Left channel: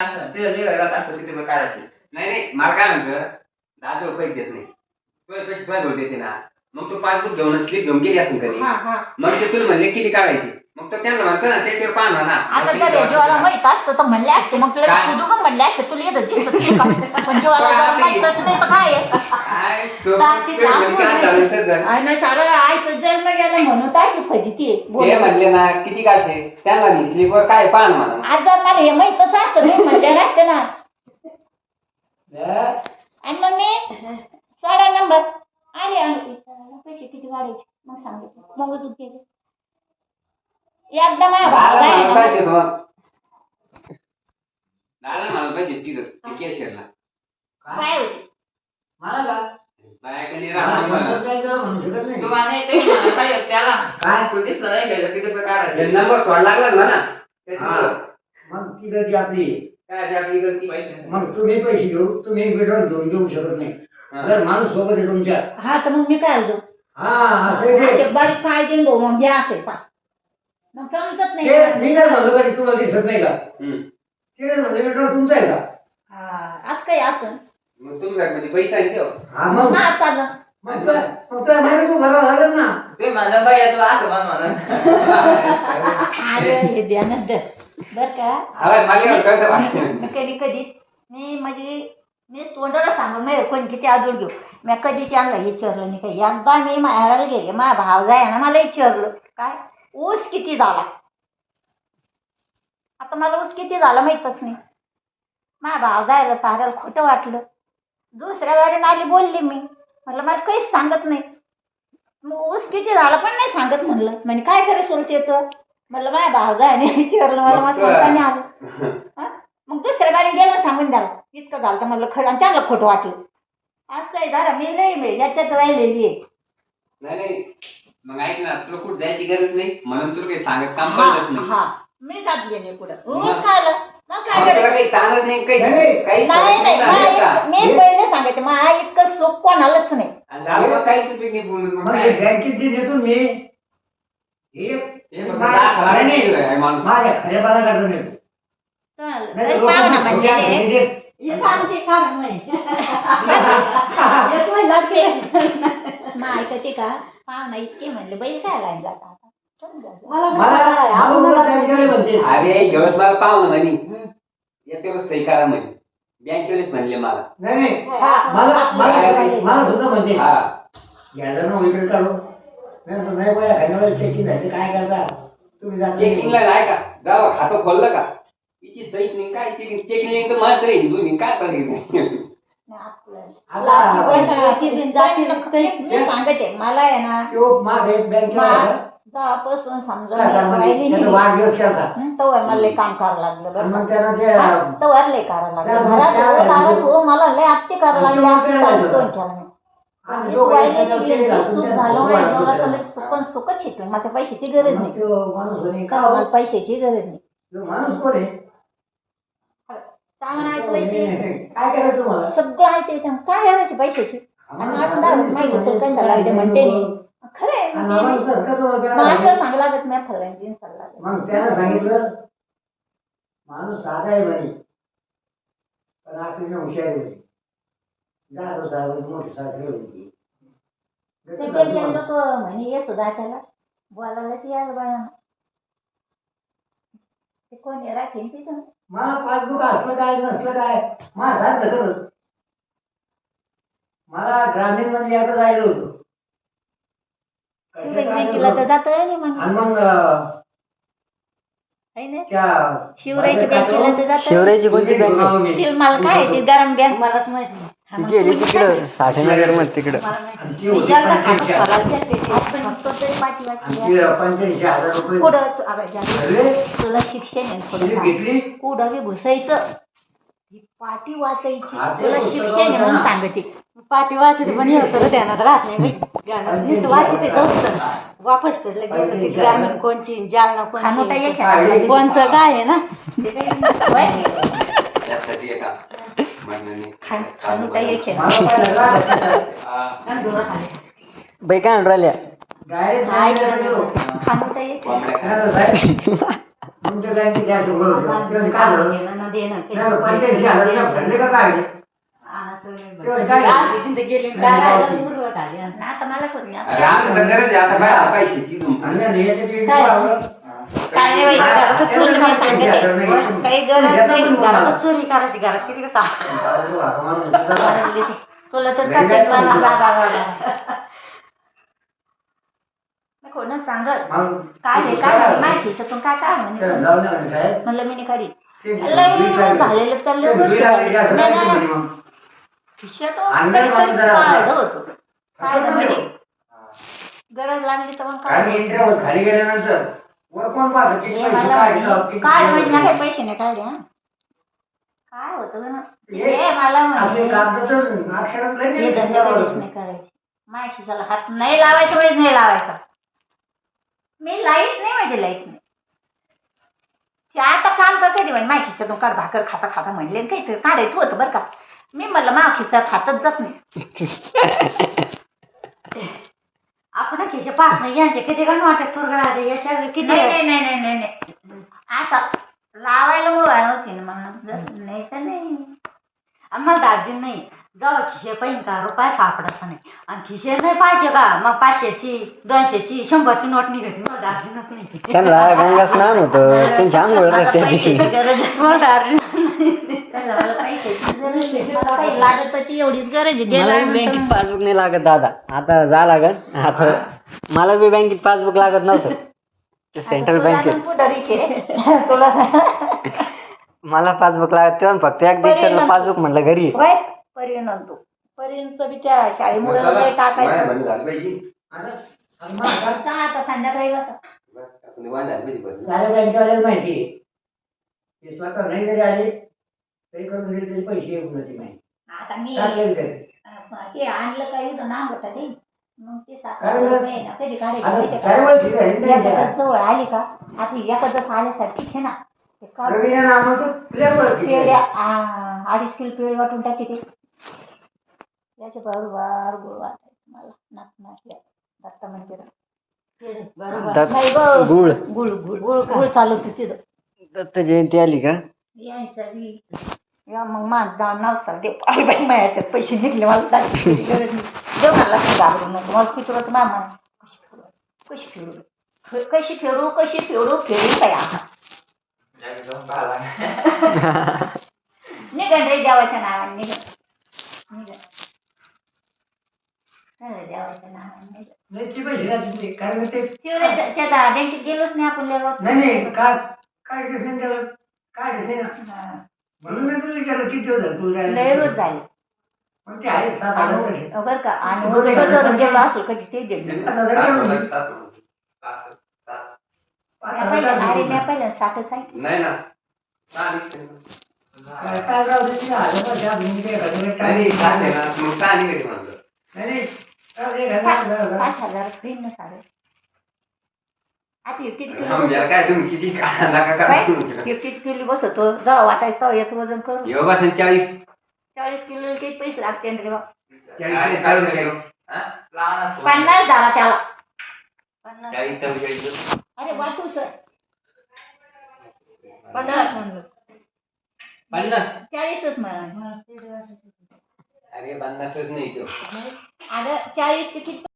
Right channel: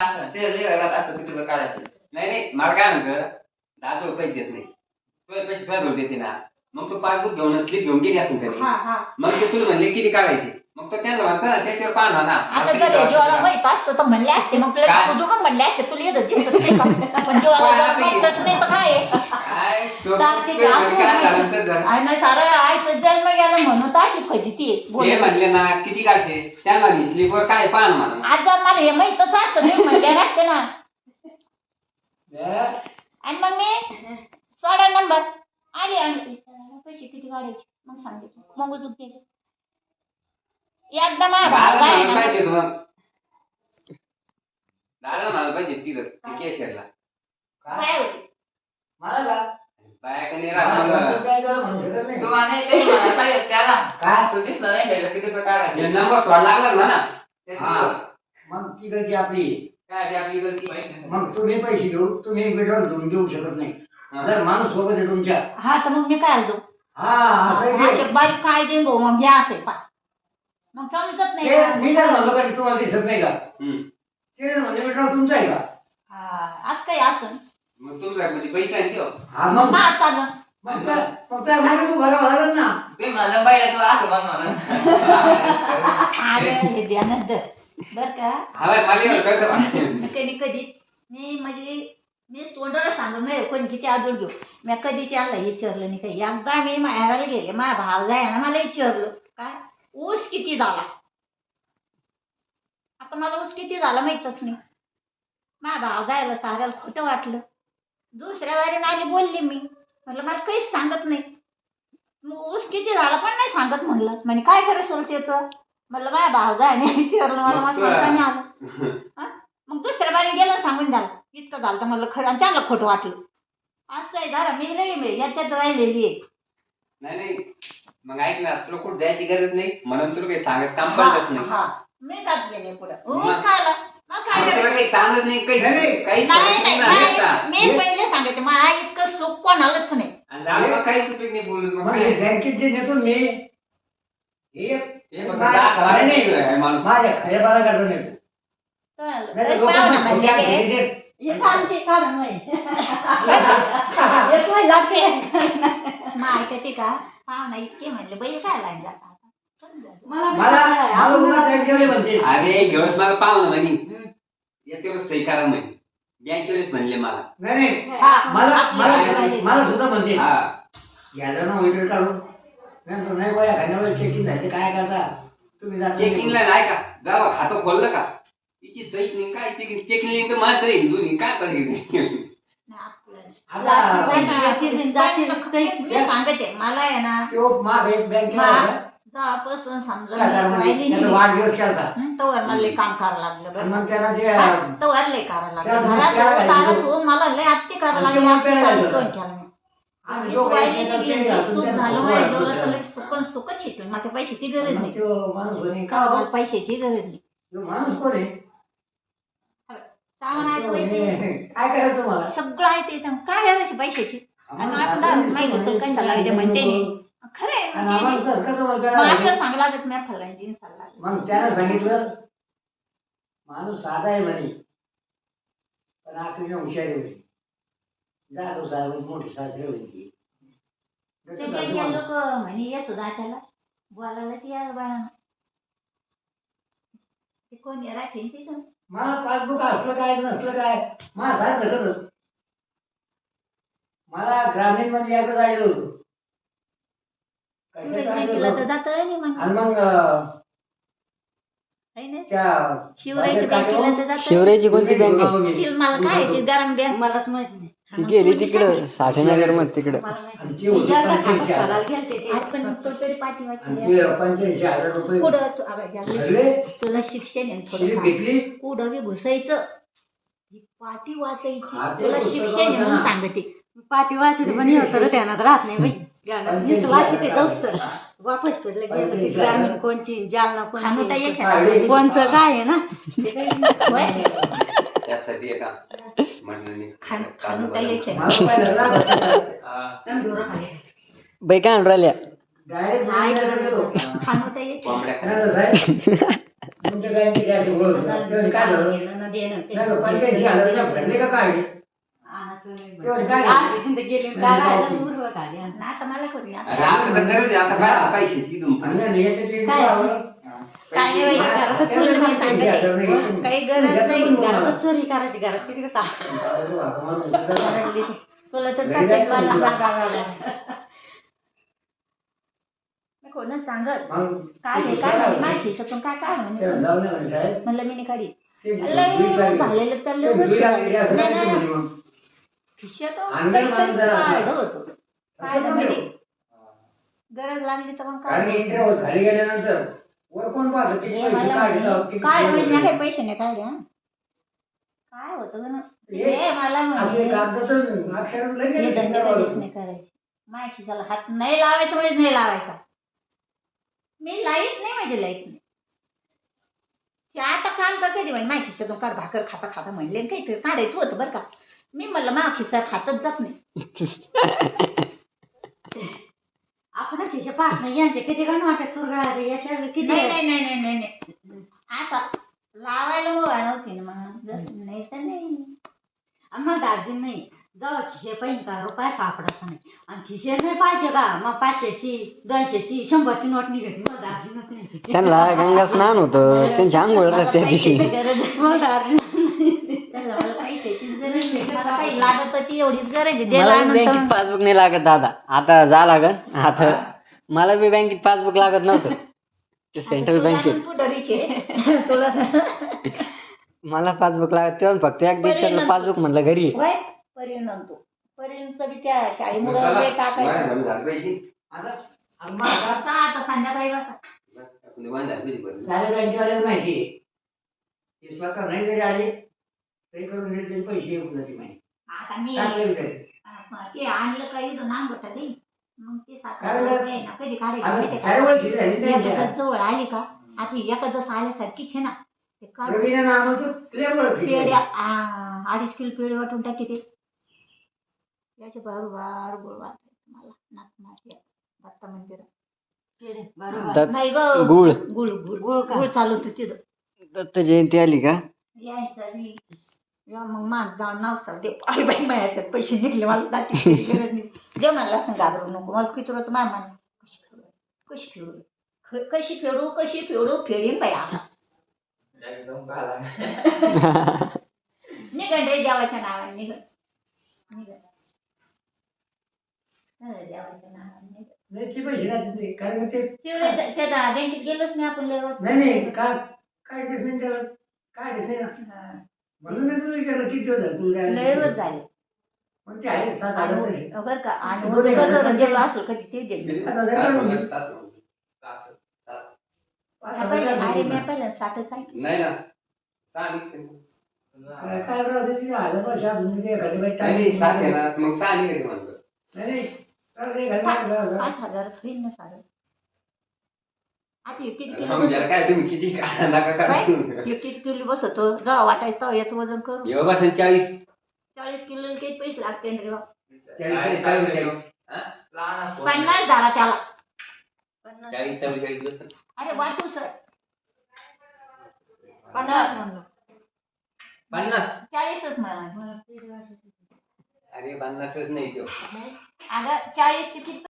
असं ते जे घरात असतं ते तुम्ही काढायचे. नाही नाही मला काय म्हणतं 10 पैसे देत नाही तुझे पैसे तुला घेऊन देते ना मग तू पासबुक घेऊन स्लिप घेऊन गेली असेल कधी मग ते तुला म्हणले किती काढायचे मग तो त्यांना म्हणतो ना त्याच्यावर पाहा ना आता जर जेव्हा माहित असतं तर म्हणले असते मग तुला सुधू का म्हणले असते तुला येतं दिसत नाही का पण जेव्हा माहितच नाही तर काय नाही सारं आयचं जन्म गेला म्हणून तर अशी फजिती ते म्हणले ना किती काढते त्यांना स्लिपवर काय पाहा ना मला आज जर मला हे माहितच असतं तुम्ही म्हणले नसते ना आणि मग मी 16 नंबर आले पैसे किती काढायचे मग सांगितलं मग चुकते एकदा माझ्या भावाला पाहिजे दादा मला पाहिजे तिथं केशरला काय होते मला बायाकडे तुम्हाला ते म्हणायला पाहिजे त्याला काय तू दिसलं नाही घ्यायचं किती रुपये काढायचे नंबर सोड लागला ना मग ती गती आपली काय आपली गलती मग तुम्ही पैसे घेऊ तुम्ही पेट्रोल घेऊन देऊ शकत नाही जर माणूस सोबत आहे तुमच्या हा तर मग मी काय आलो हा बारीक काय देईन भाऊ मग घ्या असेल पा मग समजत नाही मी जर म्हणतो का तुम्हाला दिसत नाही का ते म्हणजे पेट्रोल तुमचं आहे का आज काही असं मग तुमच्या म्हणजे पैसा आहे तो हा मग चालू मग मागे तू भरावं लागेल ना ते म्हणा बाई तू असं मग म्हणून हे ध्यानात धर बर का कधी कधी मी म्हणजे मी तोंडाला सांगू मी कोणी किती आदूर घेऊ मी कधीच यांना विचारलं नाही काही एकदा मी माहेराला गेले माझा भाव जाय ना मला विचारलं काय ऊस किती झाला आता मला ऊस किती झाला माहीतच नाही माझा भाव जायला साऱ्याला खोटं वाटलं दुसऱ्या वेळेला आली बोलली मी म्हटलं मला काहीच सांगत नाही मग ऊस किती झाला पण नाही सांगत म्हणलं म्हणजे काय करायचं त्याचं म्हटलं माझ्या भाव जायने विचारलं मला मग सांगता नाही आलं मग दुसऱ्या बारीने गेलं सांगून द्याला इतकं झालं तर म्हणलं खरं आणि त्याला खोटं वाटलं असं आहे दादा मी लई याच्यात राहिलेली आहे नाही मग ऐक ना तुला कुठं जायची गरज नाही म्हणून तुला काही सांगत काम पडलंच नाही मी जात गेले पुढे उगाच खायला मग काय तुला करायचं काही ताणच नाही काही मी पहिले सांगायचं मग इतकं सुख कोणालाच नाही काही सुपीक नाही बोलून बँकेत जे देतो मी माणूस माझ्या खऱ्या बाला काढून येतो ऐकते का पाहुणा इतके म्हणले बैल काय लाईन जातात अरे दिवस मला पाहुणं म्हणी याच्यावर सही करा म्हणे बँकेवरच म्हणले मला मला सुद्धा म्हणते घ्यायला ना इकडे काढू नाही बघा खाण्यावर चेकिंग जायचं काय करता तुम्ही चेकिंगला नाही का जावा खातं खोललं का तिची सही नाही काय चेकिंग नाही तर माझं हिंदू नाही काय करायचं सांगते मला आहे ना जेव्हापासून समजा तवर मला काम करावं लागलं तवर लय करावं लागलं घरात हो मला लय आत्ती करावं लागलं सोन केलं पण सुखच येतो मला पैशाची गरज नाही मला पैशाची गरज नाही काय करायचं तुम्हाला सगळं आहे ते काय करायची पैशाची म्हणते खरं आपलं सांग लागत मी फलांची मग त्यानं सांगितलं माणूस साधा आहे म्हणे पण आखरी हुशार आहे म्हणे जाधव साहेब मोठी सासरे होती लोक म्हणे ये सुद्धा त्याला बोलायलाच यायला बाया ते कोण राहते तिथं मला पासबुक असलं काय नसलं काय मला सांगतं खरं मला ग्रामीण मध्ये एकदा जायचं होतं आणि मग शिवरायची बँकेला शिवरायची कोणती बँक मला काय ते गरम बँक मलाच माहित नाही गेली तिकडं साठेनगर मध्ये तिकडं तुला शिक्षण आहे कुठं बी घुसायचं पाठी वाचायची तुला शिक्षण आहे म्हणून सांगते पाठी वाचायचं पण होतं ध्यानात राहत नाही नुसतं वाचते तर वापस ग्रामीण कोणची जालना कोणची कोणचं काय आहे ना त्यासाठी एका खाणू काही बाई काय म्हणून राहिल्या खाणू काही तुमच्या बँकेत देणं नाही, 85,000 भरले का काढले? तेवढे काय? गेली नाही, गावची. उरलं खाली आणि आता मला कोण नाही. अरे आता तर गरज आहे आता बाया पैशाची आणि नाही, याचे ते काय? पाहावं. काय नाही बाई, घरात चोरी नाही सांगते. काही गरज नाही. घरात चोरी करायची घरात किती कसं मारली ती. तुला तर कसं कोण सांगत मग काय हे काय म्हणे, माझ्या खिशातून काय काय म्हणे. जाऊ नये म्हणे साहेब. म्हणलं मी नाही काढी ते लय दुई झालेलं तर लय दुई वर्ष लागली का? असं नाही, नाही नाही. म्हणे मग. खिशातून अंगात काहीतरी बांधून जरा काढलं होतं. काढलं असं म्हणजे म्हणजे. गरज लागली तर मग कारण काय इंटरव्ह्यू खाली गेल्यानंतर वर कोण पाहतं? किती हे पैसे मला काढले, म्हणे, किती काढ म्हणजे ना पैसे काही पैसे नाही काढले हा काय होतं गं ना? हे हे मला आपले म्हणे कागदाचं अक्षरात लय हे नाही धंदे कधीच नाही करायचे. माझ्या खिशाला हात नाही लावायच्या वेळेस नाही लावायचा. मी लाईत नाही म्हणजे लाईत नाही. ते आता काल का कधी म्हणे माझ्या खिशातून काढ भाकर खाता खाता म्हणले काहीतरी काढायचं होतं बरं का. मी म्हणलं माझ्या खिशात हातच जात नाही. आपण खिशे पाहत नाही यांचे किती गण वाटत सुरगळा याच्या किती नाही नाही नाही नाही नाही नाही आता लावायला मोबाईल होती ना मग जसं नाही तर नाही. आम्हाला दार्जिन नाही जेव्हा खिशे पाहिजे का रुपया सापडायचा नाही आणि खिशे नाही पाहिजे का मग 500ची 200ची 100ची नोट निघाली मला दार्जिनच नाही. त्यांना गंगा स्नान होतं त्यांची आंघोळ मला राहते त्या दिवशी पैशाची गरज आहे. मला दार्जिन त्याला मला पैशाची गरज आहे. मला काही लागत तर ती एवढीच गरज आहे. मला देणार बी बँकेत म्हणून. पासबुक नाही लागत दादा आता जा लागत आता मला बी बँकेत पासबुक लागत नव्हतं ते सेंट्रल आता तुला बँकेत पण पुढारीचे रे. तुला मला पासबुक लागत तेव्हा फक्त एक दिवसाला पासबुक म्हटलं घरी होय परिणाम तो परिणचं बी त्या शाळेमुळे लय टाकायचं. झाली पाहिजे आता आता मला चला आता संध्याकाळी बसा. निवांत झाली पाहिजे बरं. साऱ्या बँकेवाल्याला माहिती आहे. ते स्वतः नाही जरी आले तरी करून दिले तरी पैसे येऊ नये माहिती. आता मी काय करू ते आणलं काही नांग होता ते मग ते कारण 7 रुपये ना कधी काढायचे आता माहिती साऱ्या का? ओळखी झाली ना त्यांच्या. एखादं जवळ आली का आता एखादं आल्यासारखीच आहे ना ते काढून रवीने नामाचं लय ओळखी पेढ्या झाली. 2.5 किलो पेढे वाटून टाकी ते याच्या बरोबर गोळ वाटायचं मला नाक नाक या दत्त मंदिरात बरोबर दत्त नाही गं, गुळ गुळ गुळ गुळ गुळ चालू होती तिथं दत्त जयंती आली का यायचा बी या मग माझं नाव सांगते आई बाई माझ्याच्यात पैसे निघले मला टाकायची गरज नाही देऊ मला घाबरू नको मला किती होतं मामा कशी फेडू कशी फेडू कशी फेडू फेडू काय आता जागी जाऊन पाहायला. निघन रे देवाच्या नावाने निघन निघन देवाच्या नावाने निघन नाही ती पैसे राहतील ते. कारण ते त्या बँकेत गेलोच नाही आपण लेवत नाही नाही काय दिवस नाही त्याला काय दिवस नाही ना. म्हणून मी तुला विचारलं किती दिवस झाले तुला लय जायला? रोज झाले पण ते आहे 7,000 पैसे. बरं का आणि दोन एक हजार जर गेलो असलो कधी ते दे आता जर सात का होणार, सात होणार. सात. 5,000 अरे मी काय पहिल्या 60च आहे नाही ना सहा निघते. काय राहू दे तिला 1,000 पैसे आपण किती एखाद्या वेळेस नाही टाकू. सात आहे ना मग सहा निघते म्हणलं. नाही नाही राहू दे, 1,000. 5,000 होईल ना साडे आता हे किती किलो म्हणजे बसतो काय तुम्ही किती नका काय? का हे किती किलो बसतो जेव्हा वाटायचं तेव्हा याचं वजन करू येऊ बसेल 40 40 किलो किती पैसे लागते रे बा? 40 किलो. हा? लहान असतो. 50 झाला त्याला 40 44. अरे वाटू सर 50 म्हणलं 50 40च म्हणा अरे 50च नाही तो अगं 40 चे किती